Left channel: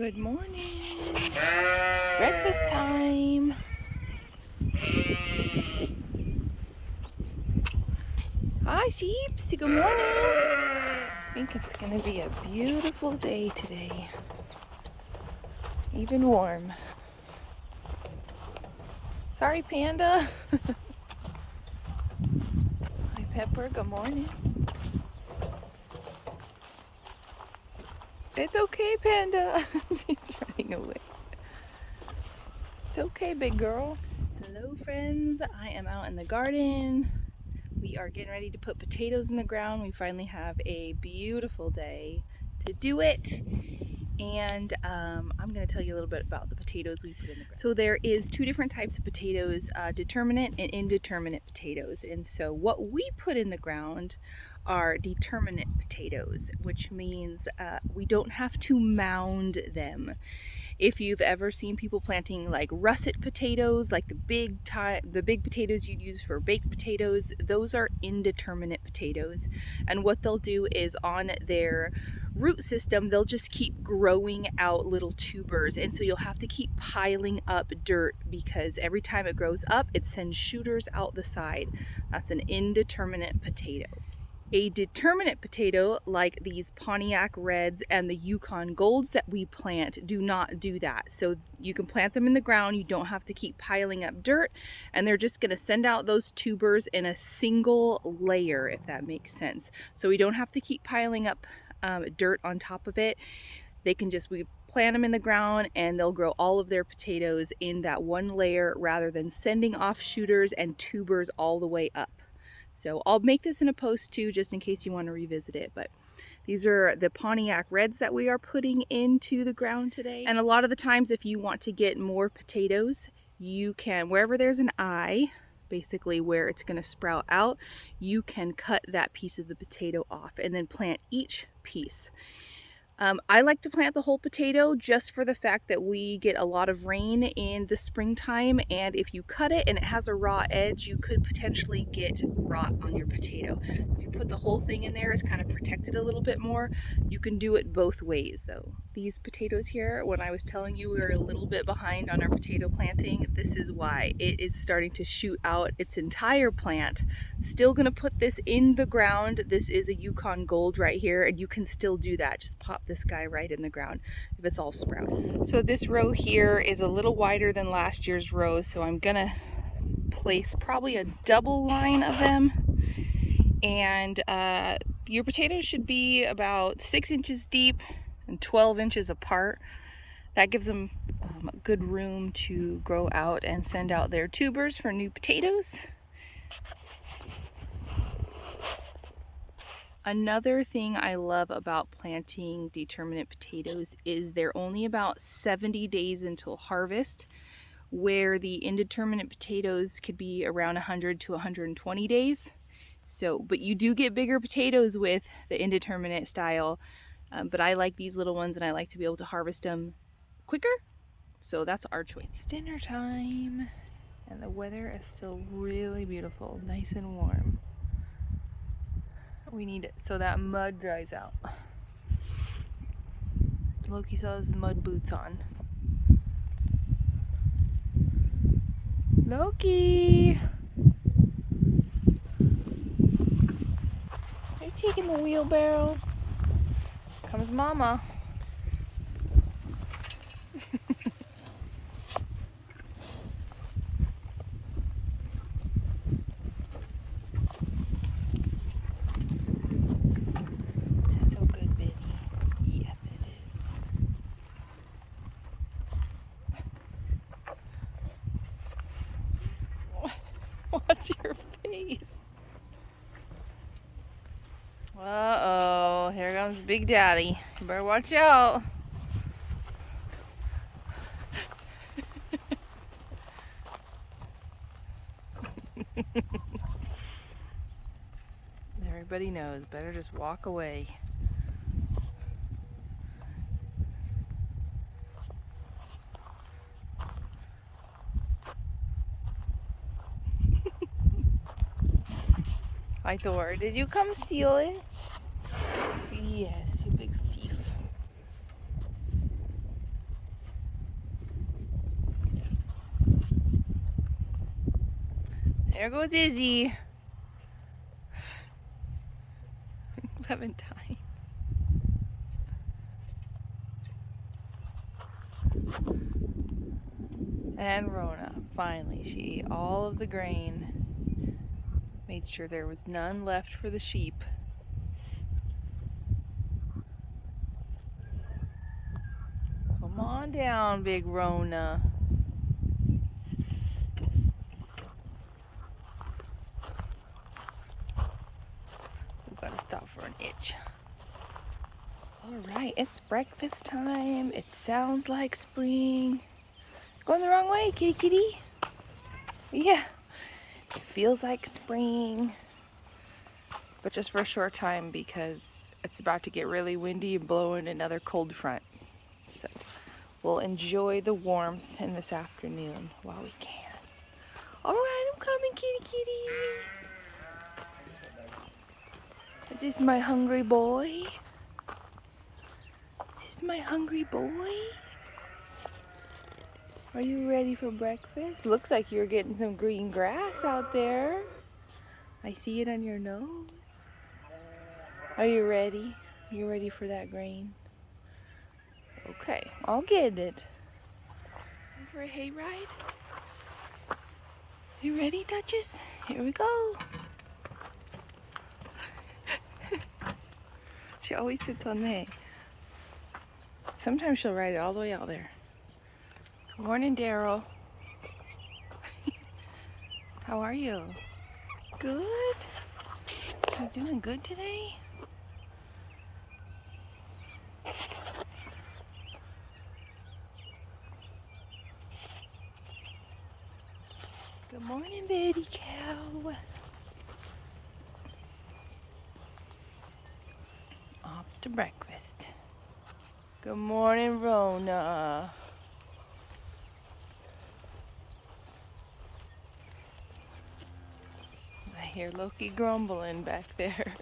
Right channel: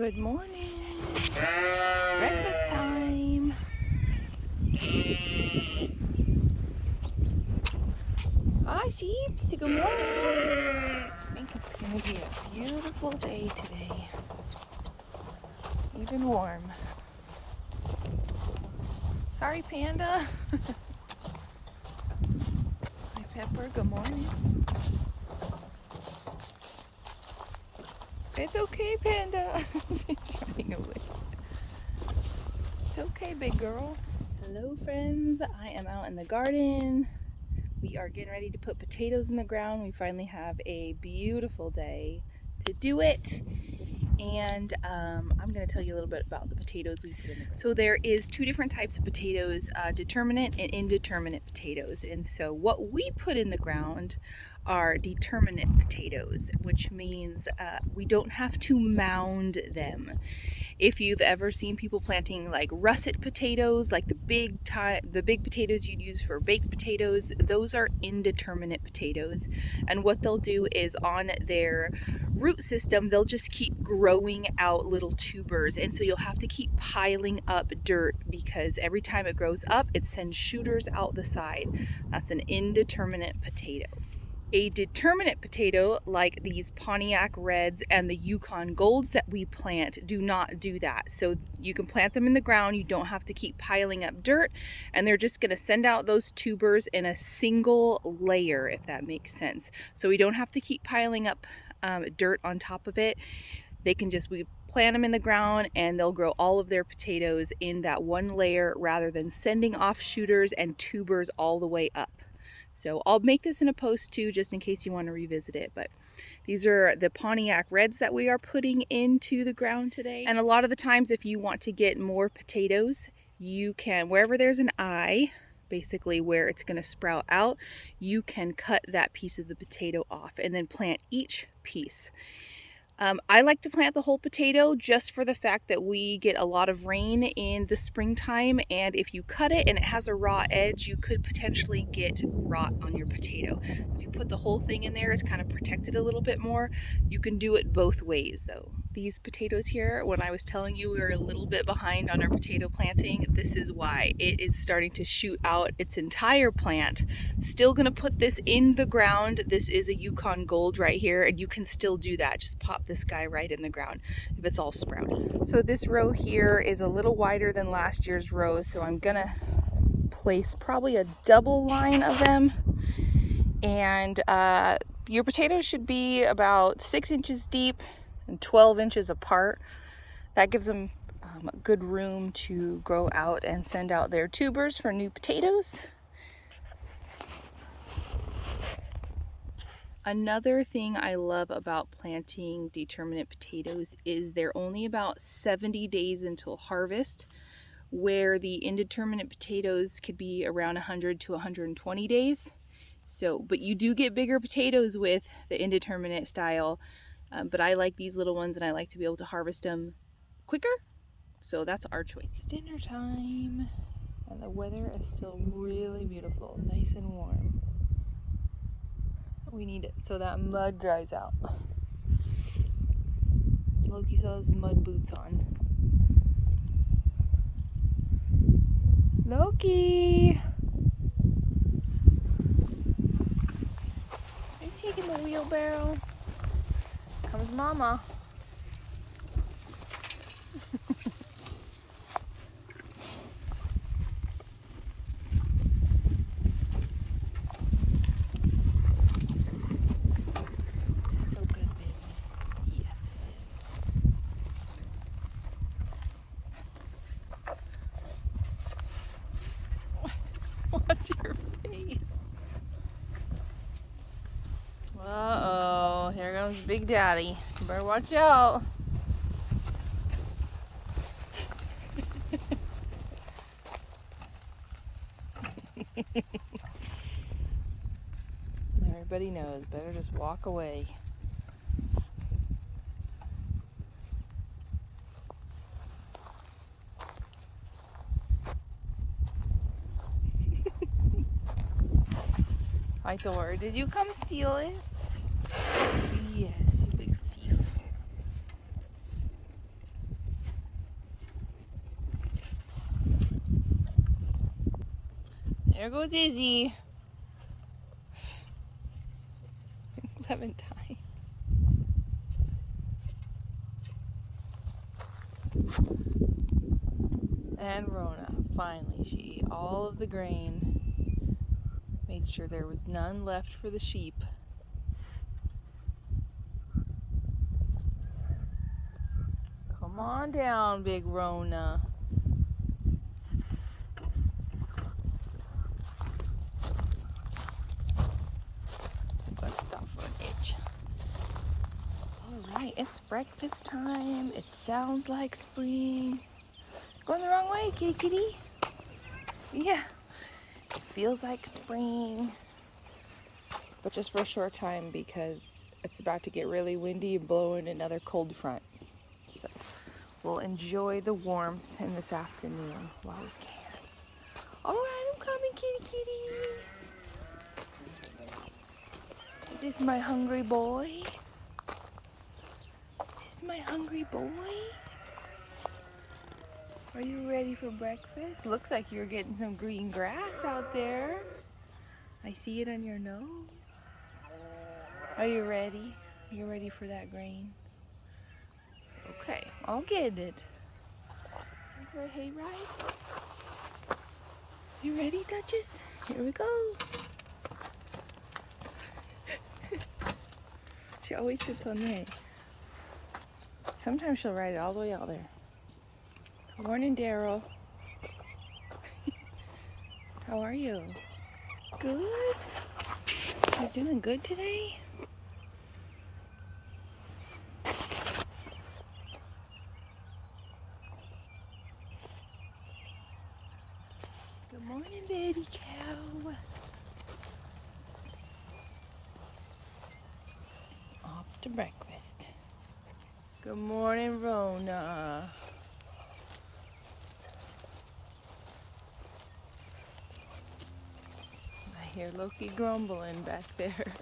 Good morning. Breakfast time. Hi, sheeps. Good morning. I think it's going to be a beautiful day today. Even warm. Sorry, Panda. Hi, Pepper. Good morning. It's okay, Panda. She's running away. It's okay, big girl. Hello, friends. I am out in the garden. We are getting ready to put potatoes in the ground. We finally have a beautiful day to do it. And I'm going to tell you a little bit about the potatoes we put in the ground. So there is two different types of potatoes, determinate and indeterminate potatoes. And so what we put in the ground are determinate potatoes, which means we don't have to mound them. If you've ever seen people planting like russet potatoes, like the big potatoes you'd use for baked potatoes, those are indeterminate potatoes. And what they'll do is on their root system, they'll just keep growing out little tubers. And so you'll have to keep piling up dirt because every time it grows up, it sends shooters out the side. That's an indeterminate potato. A determinate potato, like these Pontiac Reds and the Yukon Golds that we plant, do not do that. So you can plant them in the ground, you don't have to keep piling up dirt, and they're just going to send out those tubers in a single layer, if that makes sense. So we don't have to keep piling up dirt on top of it. We plant them in the ground and they'll grow all of their potatoes in that one layer rather than sending off shooters and tubers all the way up. So I'll make this in a post too, just in case you want to revisit it. But these are the Pontiac Reds that we are putting into the ground today. And a lot of the times, if you want to get more potatoes, you can, wherever there's an eye, basically where it's going to sprout out, you can cut that piece of the potato off and then plant each piece. I like to plant the whole potato just for the fact that we get a lot of rain in the springtime, and if you cut it and it has a raw edge, you could potentially get rot on your potato. If you put the whole thing in there, it's kind of protected a little bit more. You can do it both ways though. These potatoes here, when I was telling you we were a little bit behind on our potato planting, this is why. It is starting to shoot out its entire plant. Still gonna put this in the ground. This is a Yukon Gold right here, and you can still do that. Just pop this guy right in the ground if it's all sprouty. So this row here is a little wider than last year's rows, so I'm gonna place probably a double line of them. And your potatoes should be about 6 inches deep and 12 inches apart. That gives them good room to grow out and send out their tubers for new potatoes. Another thing I love about planting determinate potatoes is they're only about 70 days until harvest, where the indeterminate potatoes could be around 100 to 120 days. So, but you do get bigger potatoes with the indeterminate style, but I like these little ones and I like to be able to harvest them quicker. So that's our choice. It's dinner time and the weather is still really beautiful, nice and warm. We need it so that mud dries out. Loki saw his mud boots on. Loki! Are you taking the wheelbarrow? Comes Mama. What's your face? Uh-oh, here comes Big Daddy. You better watch out. Everybody knows, better just walk away. Hi Thor, did you come steal it? Yes, you big thief. There goes Izzy. Clementine. And Rona, finally, she ate all of the grain. Made sure there was none left for the sheep. Come on down, big Rona. We've got to stop for an itch. Alright, it's breakfast time. It sounds like spring. Going the wrong way, kitty kitty. Yeah, it feels like spring. But just for a short time because it's about to get really windy and blow in another cold front. So we'll enjoy the warmth in this afternoon while we can. Alright, I'm coming, kitty kitty. Is this my hungry boy? Is this my hungry boy? Are you ready for breakfast? Looks like you're getting some green grass out there. I see it on your nose. Are you ready? You ready for that grain? Okay, I'll get it. Ready for a hayride? You ready, Duchess? Here we go. She always sits on the hay. Sometimes she'll ride it all the way out there. Good morning, Daryl. How are you? Good? You doing good today? Good morning, baby cow. Off to breakfast. Good morning, Rona. I hear Loki grumbling back there.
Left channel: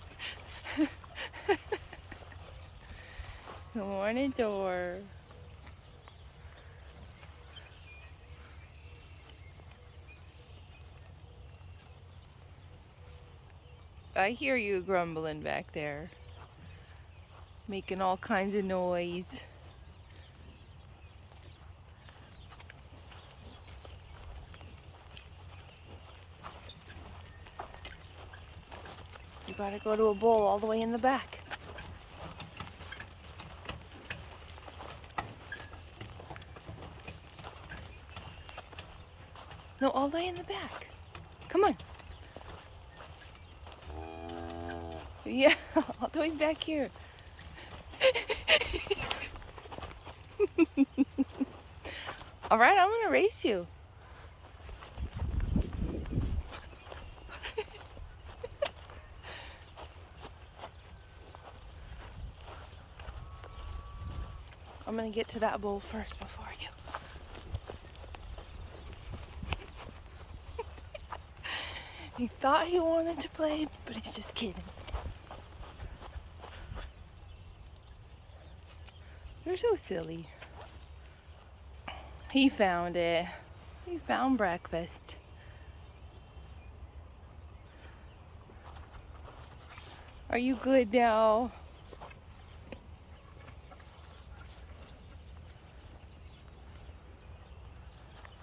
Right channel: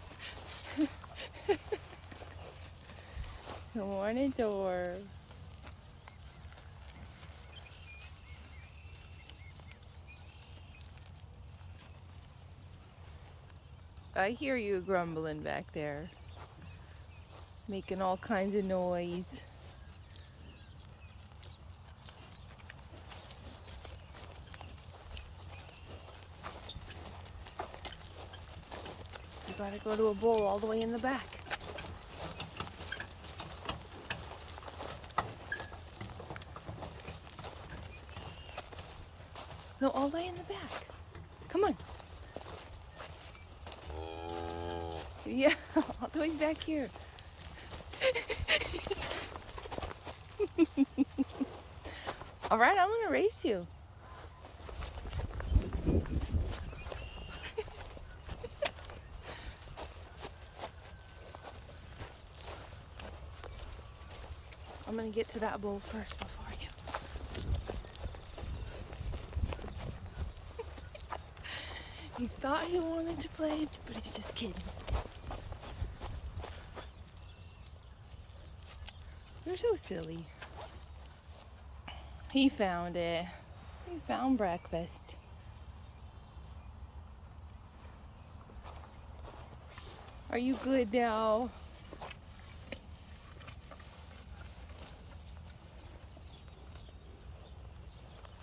Good morning, Dor. I hear you grumbling back there. Making all kinds of noise. You gotta go to a bowl all the way in the back. No, all the way in the back. Come on. Yeah, all the way back here. All right, I'm gonna race you. I'm gonna get to that bowl first before I do. He thought he wanted to play, but he's just kidding. You're so silly. He found it. He found breakfast. Are you good now?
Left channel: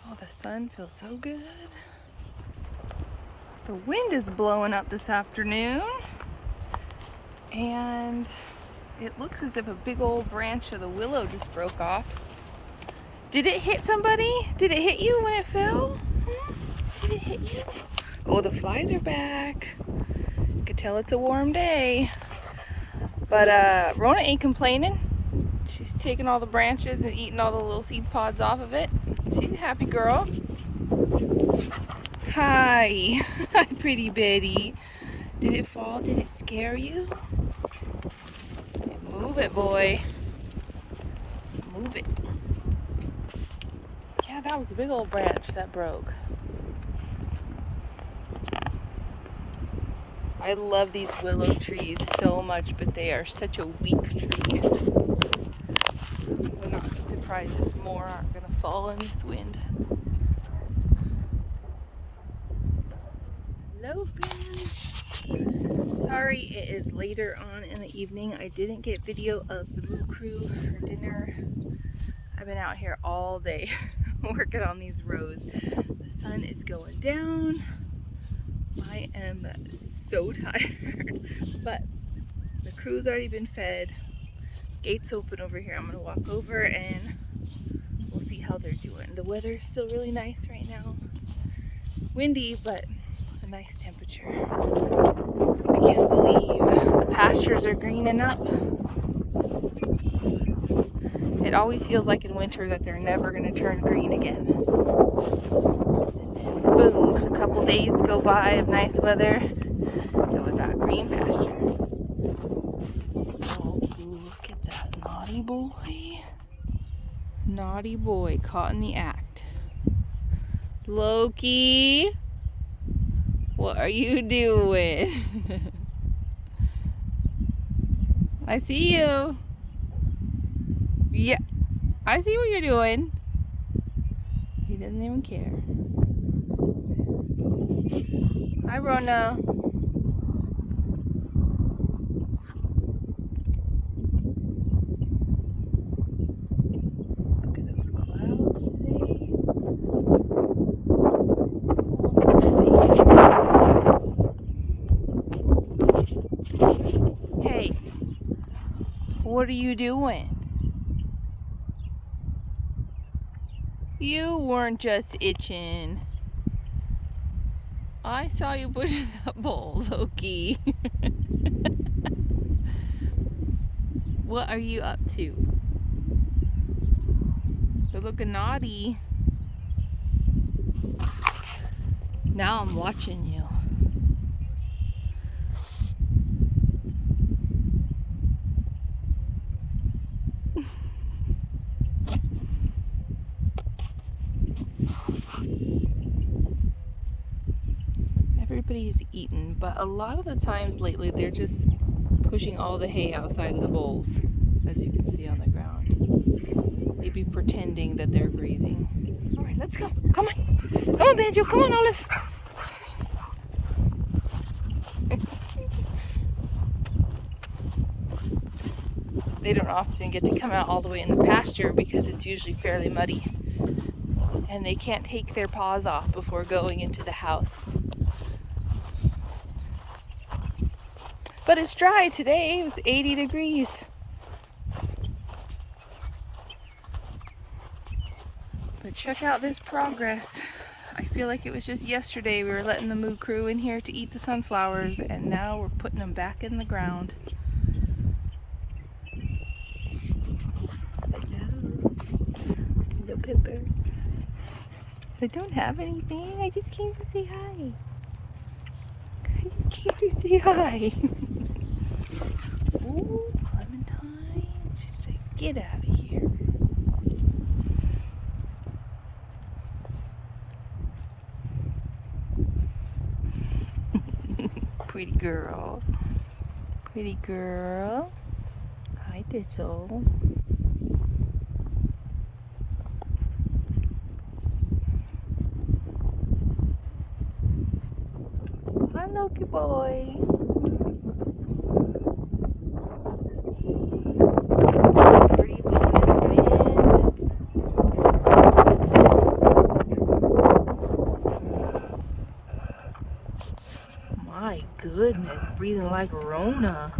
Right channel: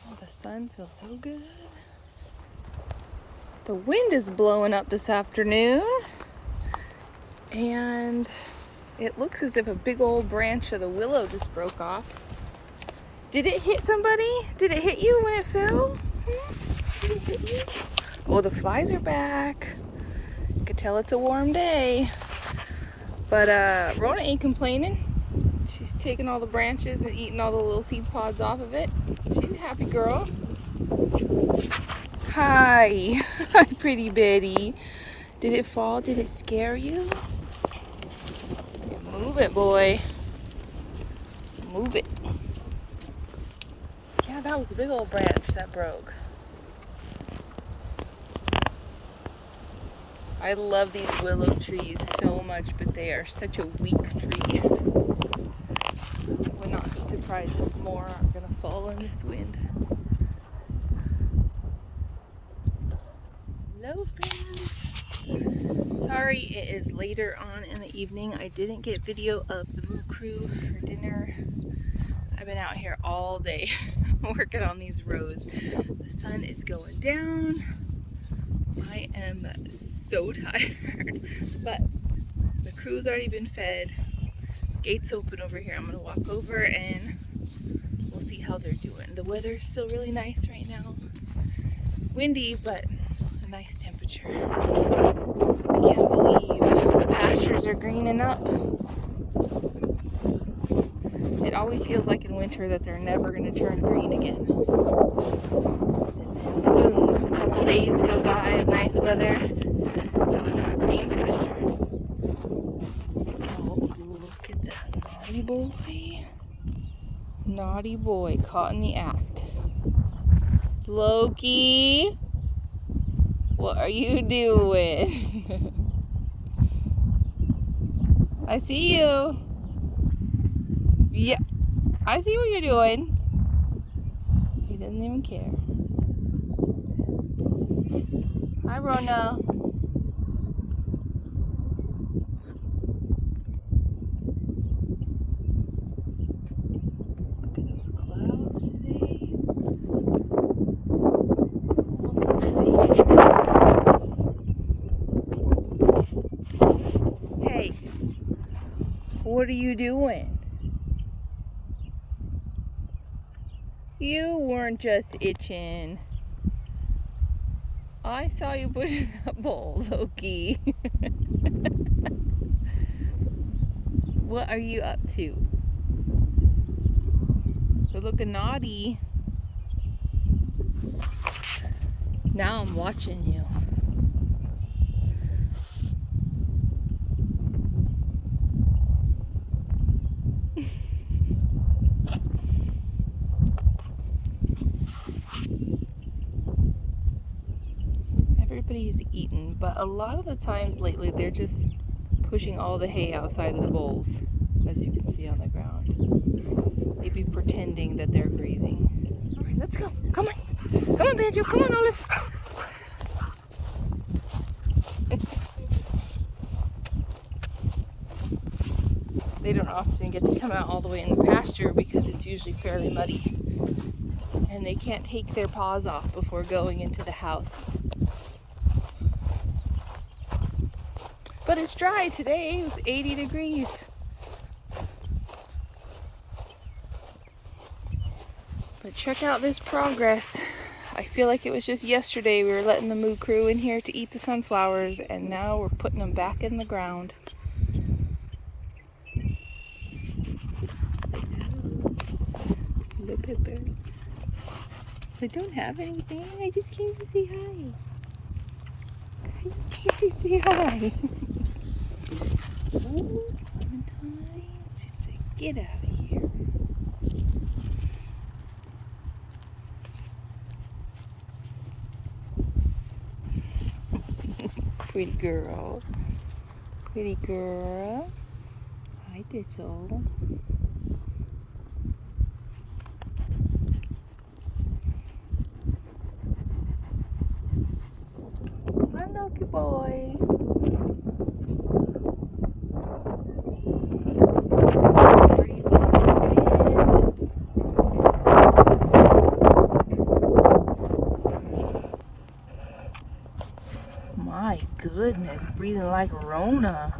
Oh, the sun feels so good. The wind is blowing up this afternoon, and it looks as if a big old branch of the willow just broke off. Did it hit somebody? Did it hit you when it fell? Did it hit you? Oh, the flies are back. You could tell it's a warm day. But Rona ain't complaining. She's taking all the branches and eating all the little seed pods off of it. She's a happy girl. Hi. Hi, pretty Betty. Did it fall? Did it scare you? Move it, boy. Move it. Yeah, that was a big old branch that broke. I love these willow trees so much, but they are such a weak tree. I would not be surprised if more aren't going to fall in this wind. Hello friends! Sorry it is later on in the evening. I didn't get video of the Moo Crew for dinner. I've been out here all day working on these rows. The sun is going down. I am so tired, but the crew's already been fed. Gates open over here. I'm gonna walk over and we'll see how they're doing. The weather's still really nice right now. Windy, but a nice temperature. I can't believe the pastures are greening up. It always feels like in winter that they're never going to turn green again. And boom, a couple days go by of nice weather and we got green pasture. Oh, look at that naughty boy. Naughty boy caught in the act. Loki, what are you doing? I see you. Yeah, I see what you're doing. He doesn't even care. Hi, Rona. Look at those clouds today. Hey, what are you doing? You weren't just itching. I saw you pushing that bowl, Loki. What are you up to? You're looking naughty. Now I'm watching you. Everybody's eaten, but a lot of the times lately they're just pushing all the hay outside of the bowls, as you can see on the ground. Maybe pretending that they're grazing. All right, let's go. Come on. Come on, Banjo. Come on, Olive. They don't often get to come out all the way in the pasture because it's usually fairly muddy. And they can't take their paws off before going into the house. But it's dry today. It was 80 degrees. But check out this progress. I feel like it was just yesterday we were letting the Moo Crew in here to eat the sunflowers, and now we're putting them back in the ground. Look at them. I don't have anything. I just came to say hi. I just came to say hi. Ooh, Clementine. She said, get out of here. Pretty girl. Pretty girl. Hi, Thistle. Hi, Loki boy. My goodness, breathing like Rona.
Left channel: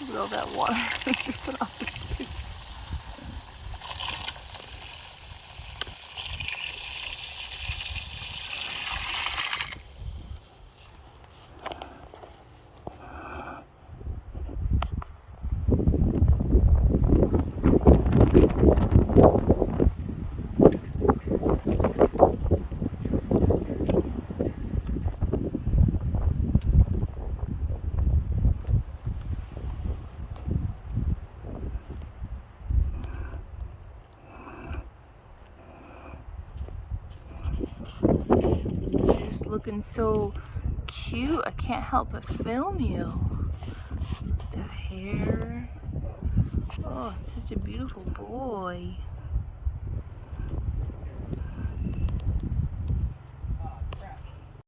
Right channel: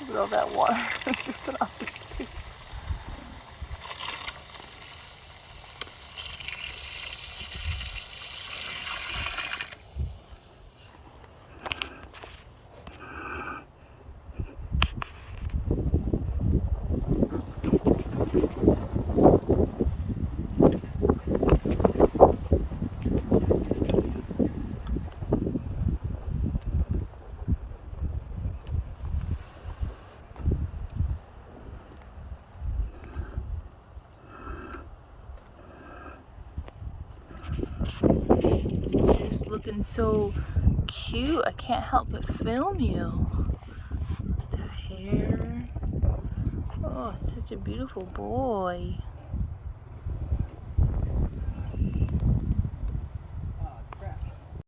Look at all that water. Put off the street. looking so cute. I can't help but film you. The hair. Oh, such a beautiful boy.